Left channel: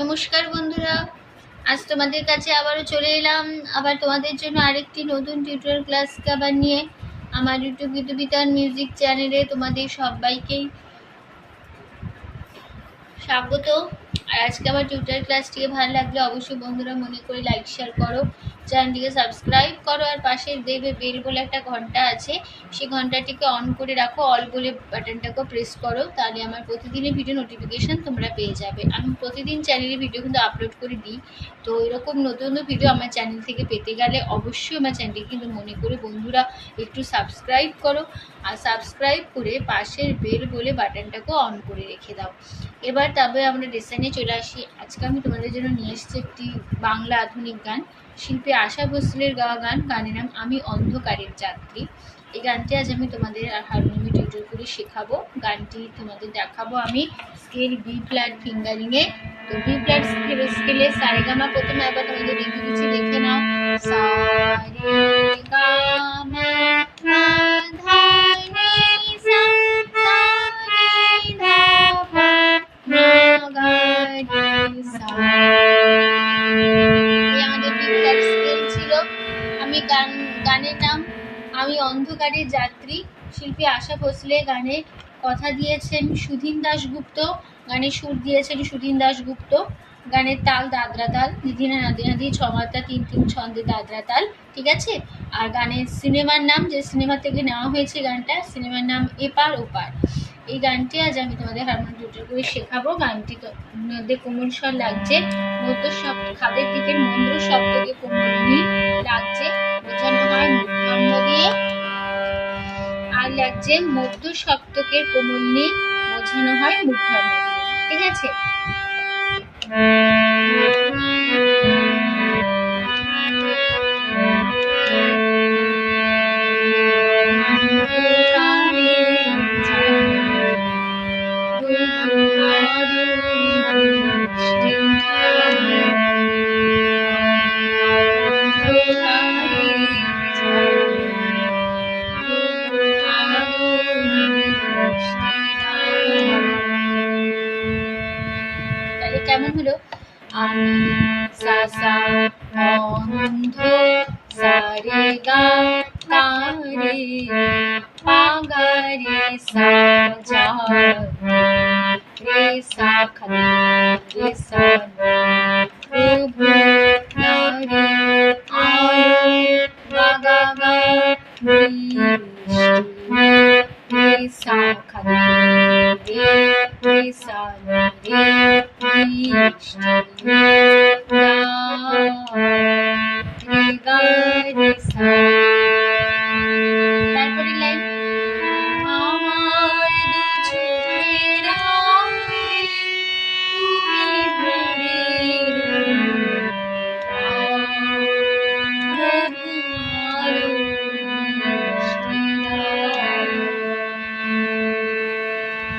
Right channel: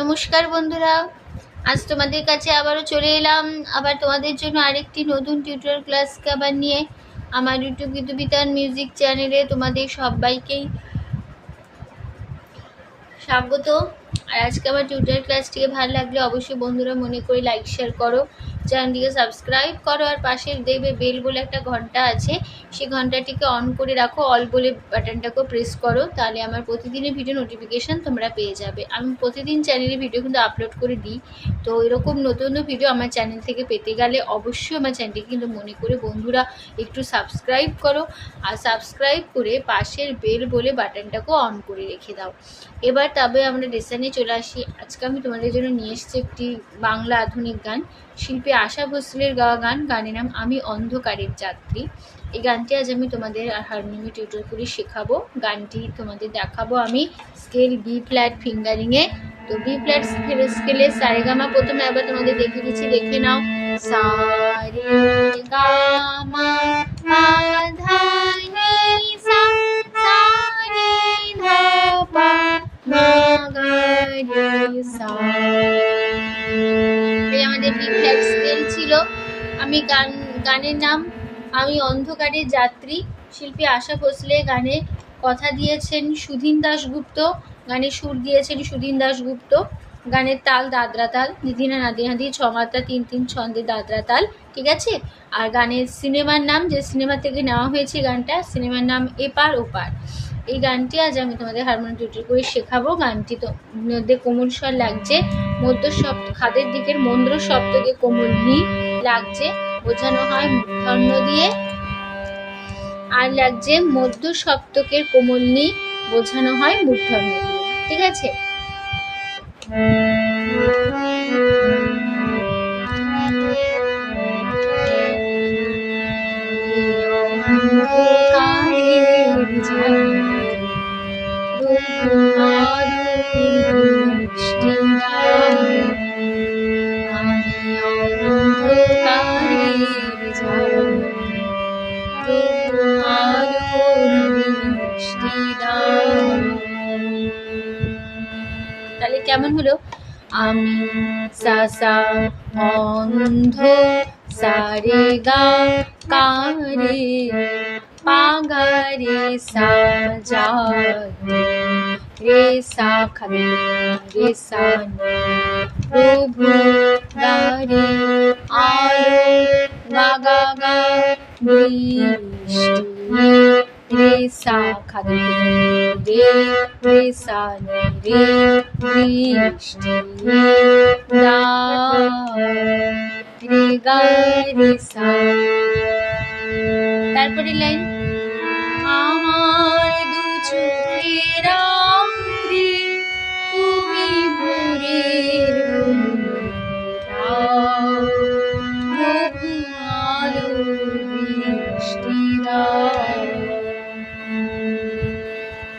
নমস্কার বন্ধুরা, আজ তোমাদের কাছে আবারও চলে এলাম আবার তোমাদের জন্য আরেকটি নতুন টিউটোরিয়াল ক্লাসকে আবার নিয়ে আমার ইউটিউব গীতবিতান মিউজিক চ্যানেলে তোমাদের সবাইকেই স্বাগত। আর আজকে আমার টিউটোরিয়াল ক্লাসটিকে ভালো লাগলে অবশ্যই বন্ধুরা মনে করে লাইক শেয়ার করো, চ্যানেলটিকে সাবস্ক্রাইব করো, আর পাশে দেখবে বেল বলে একটা ঘন্টা আছে, সেই ঘন্টাটিকে অন করে রাখো, অল বলে বাটনটাকেও প্রেস করো, তাহলে আমার প্রতিদিনের ভিডিও নোটিফিকেশান তোমরা পেয়ে যাবে। আমি প্রতিদিন চ্যানেলে ভিডিও কিন্তু আপলোড করে দিই, তো এরকম নতুন নতুন ভিডিও আমার চ্যানেল থেকে পেতে গেলে অবশ্যই আমার চ্যানেলটিকে কিন্তু মনে করে বন্ধুরা একটু সাবস্ক্রাইব করো, আর সাবস্ক্রাইব করে পাশের বেল বলে বাটনটাকেও অন করে রেখে দাও। এবার তবে আমরা লেসনে চলে আসি। আজকে আমি তোমাদের জন্য নিয়ে এসেছি একটি বাংলা আধুনিক গান, শিল্পী আশা ভোসলের গাওয়া গান। গানের নাম আমি অন্ধকারের যাত্রী। এই গানটি আজ আমি তোমাদের হারমোনিয়ামে টিউটোর করে শেখাবো। গানটি তোমাদের দেখাবো আমি স্কেল বি ফ্ল্যাট ফিঙ্গারিংয়ে। তো বি ফ্ল্যাট স্কেলে সারেগামা প্রথমে একবার তোমাদের দেখে দিচ্ছি, দেখে নাও। সারেগামা ধা নি সা, আমাদের বি ফ্ল্যাট স্কেল ছিল। আমি গানের নাম আমি অন্ধকারের যাত্রী, শিল্পী আশা ভোসলে। গানে কথা দিয়েছেন সুধীন দাশগুপ্ত, গানে সুর দিয়েছেন সুধীন দাশগুপ্ত। গানের তাল দাদরা তাল, নিধিনা নাদি ছমাত্রা ৩-৩ ছন্দে দাদরা তাল, ঠিক আছে। আর গানের সিনেমার নাম, যে সিনেমা থেকে নেওয়া হয়েছে গানটা, সিনেমার নাম এপার ওপার। এই গানটি আজ আমি তোমাদের হারমোনিয়াম টিউটোরিয়াল করে শেখাবো। গানটি তো মধ্যে কোমল স্বর লাগছে, মধ্য শব্দ খাদের দিকের মন্দ্র শব্দকে কোমল নি লাগছে, বোঝানো হয় মূর্ধন্য দিয়ে। আর লাগছে মধ্য সপ্তকের কোমল নি, বোঝানো হয় মূর্ধন্য দিয়ে, ঠিক আছে। তাহলে কেমন হলো? আমি সা সা অন্ধ, সা রে গা কা রে পা গা রে সা যা রে সা খা রে সা প্রভু গা রে আলো গা গা গা বৃষ্টি রে সা খা রে রে সা রে বৃষ্টি রে গা রে সা। তারপরে লাইন আমার দু চোখের রাত্রি তুমি ভোরের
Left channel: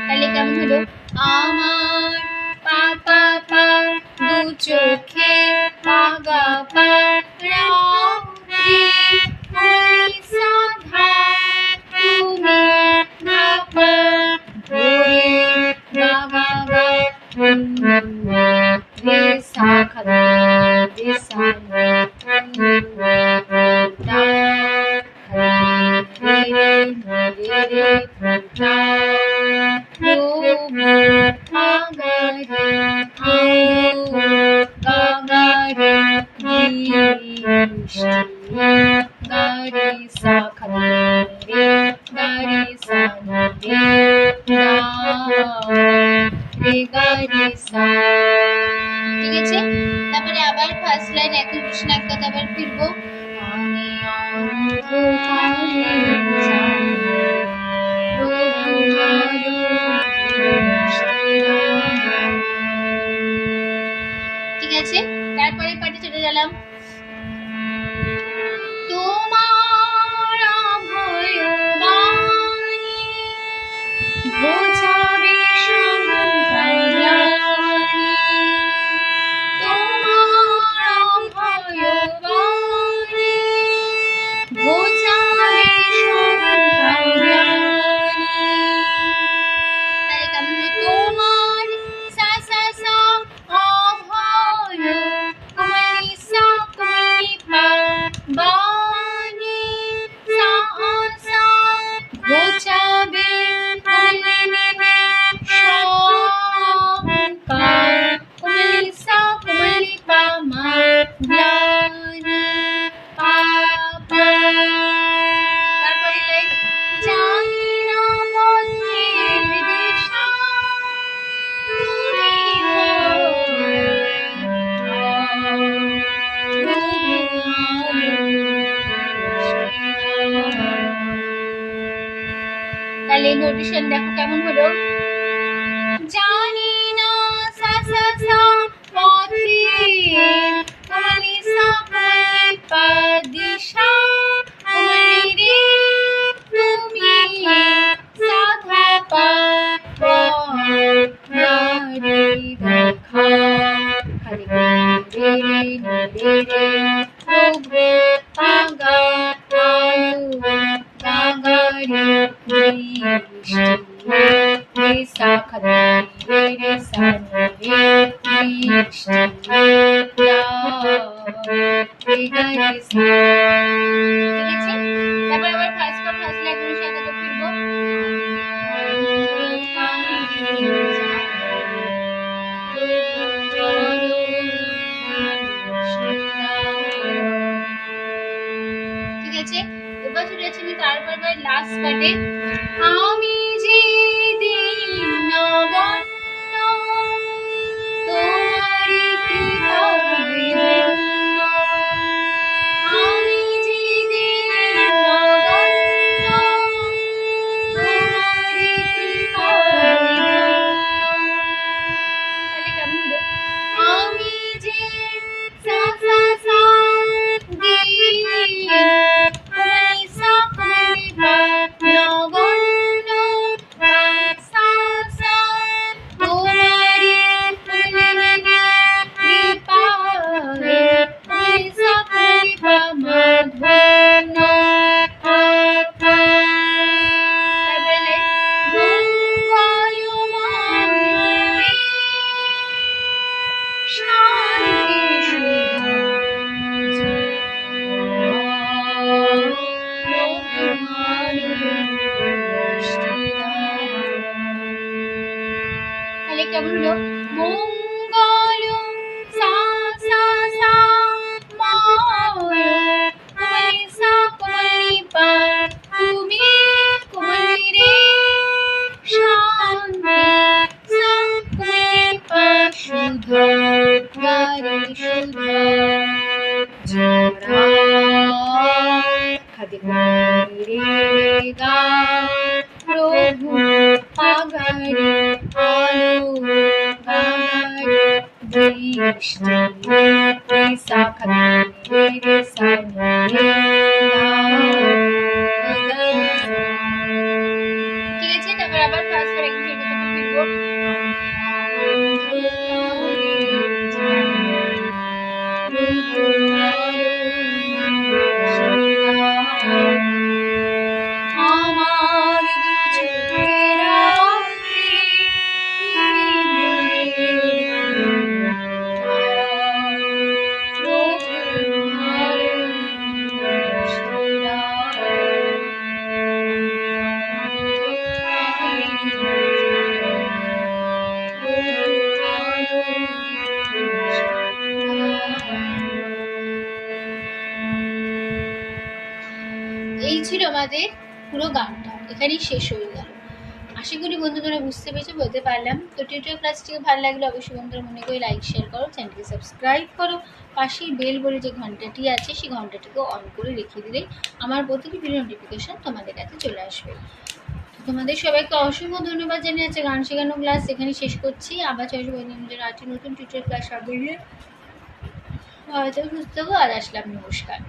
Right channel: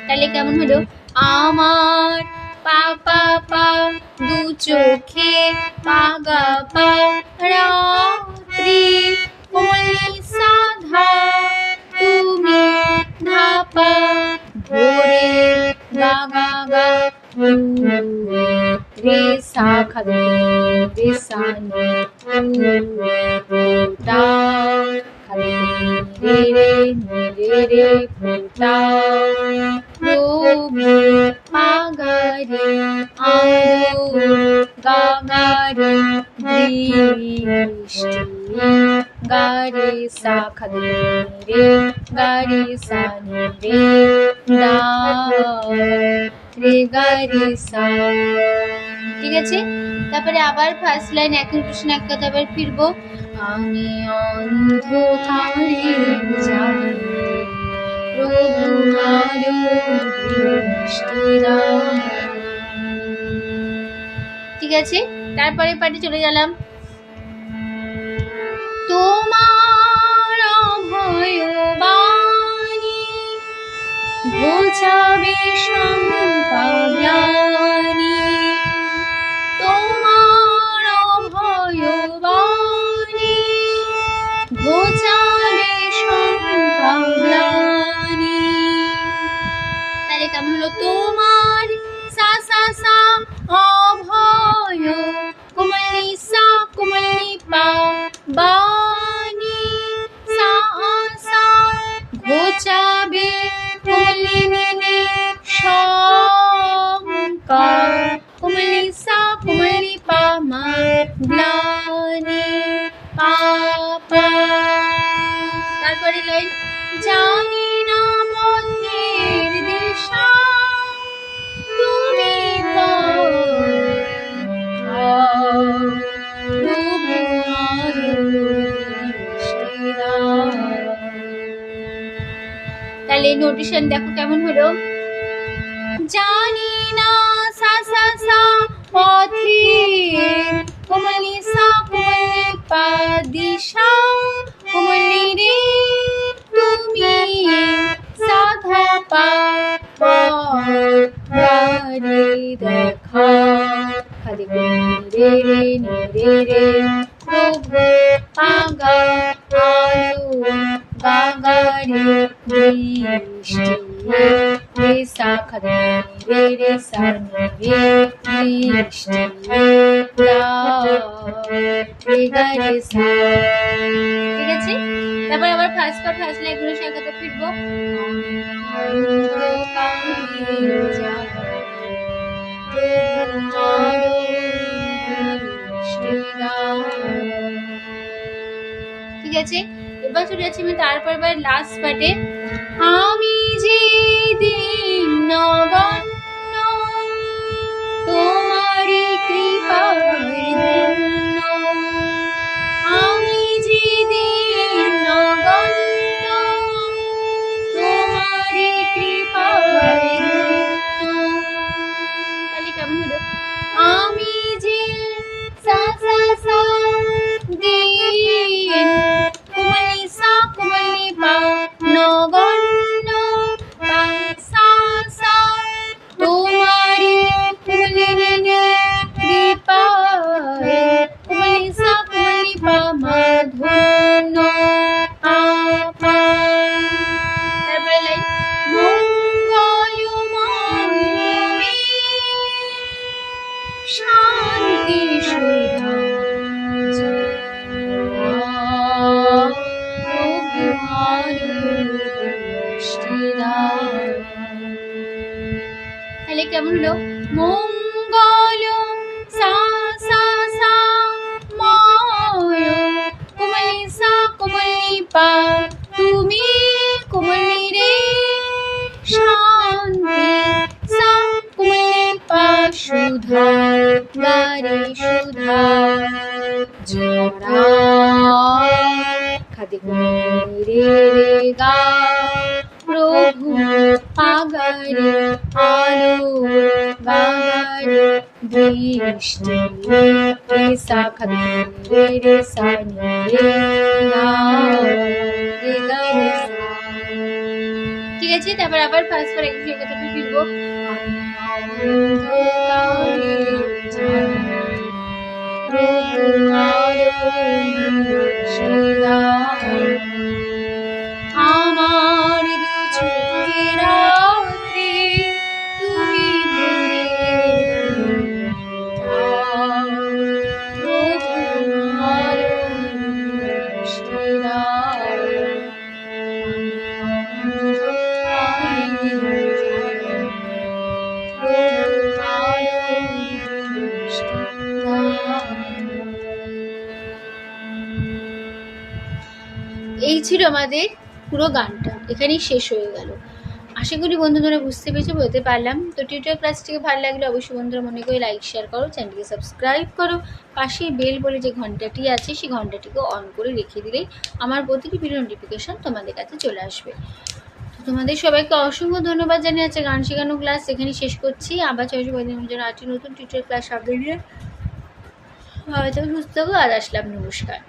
তাহলে কেমন হলো? আমার পা পা পা দু চোখে পা গা পা রাত্রি সাধা তুমি ধা পা ভোরে গা গা গা রে সা খা রে সা টা রে রে রে রে টা গা গা রে আলো গা গা রে বৃষ্টি গা রে সা খা রে গা রে সা রে না রে গা রে সা, ঠিক আছে। তারপরে আবার ফার্স্ট লাইন একই কৃষ্ণ এক কথা আবার ফিরবো। আমি অন্ধকারে ঠিক আছে। তারপরে পার্টি চলে গেলাম। তোমার অভয় বাণী ঘোচাবে সম্পায়ানি, তোমার অভয় বাণী ঘোচাবে সম্পায়ানি। তাহলে কেমন হলো? তোমার সা সা গারে দেখা খালি রে রে রে রে প্রভু আগা আলো বাগারে বৃষ্টি রে সা খালি রে রে সা রে বৃষ্টি রে গা রে সা। ঠিক আছে, তারপর আবার ফার্স্ট পার্ট ফার্স্ট লাইন করে সাথে ফিরবো। ঠিক আছে, এবার চলে যাচ্ছি আমি তারপর লাস্ট পার্টে। আমি যে দিন নগণ্য তোমারি কৃপায় ধন্য, আমি যে দিন নগণ্য তোমারি কৃপায় ধন্য। কেমন হলো? আমি যে সা সা সা দিন কুমারী সা কুমারী পা নগণ্য সা সা তোমারি কুমারী কৃপায় কুমারী সা কুমারী পা মাধন্য। শান্তি তাহলে কেমন হলো? মঙ্গল সা সা সা ময় কোমলি সা কোমলি পা তুমি কোমলি রে শান্তি সা কোমলি পা সুধা গারে সুধা জড়া খাদি রে গা প্রভু আগারে আলো বাগারে দৃষ্টি রে সা খাদি রে সা রে গা। ঠিক আছে, তারপর আবার ফার্স্ট পার্ট একটু কথা ফিরবো। আমার চোখের আড়ে এই ছিল আমাদের পুরো গানটা, এখানেই শেষ হয়ে গেল। আশা করি বন্ধুরা বুঝতে পেরেছো, বলতে পারলাম। তো টিউটোরিয়াল ক্লাসটিকে ভালো লাগলে অবশ্যই বন্ধুরা মনে করে লাইক শেয়ার করো, চ্যানেলটিকে সাবস্ক্রাইব করো, পাশে বেল বলে যে ঘন্টাটি আছে সেই ঘন্টাটিকে অন করে রেখে দিলেই আমার প্রতিটি ভিডিও নোটিফিকেশন তোমাদের কাছে চলে আসবে। তো তোমাদের সবাইকে অসংখ্য ধন্যবাদ জানিয়ে আছে গান শেখানো ক্লাস এখানে শেষ করছি। আবার চলছে বন্ধুদের জন্য আজকে নতুন টিউটোরিয়াল ক্লাস সব ভিডিও সুস্থ আর আসলাম, নমস্কার।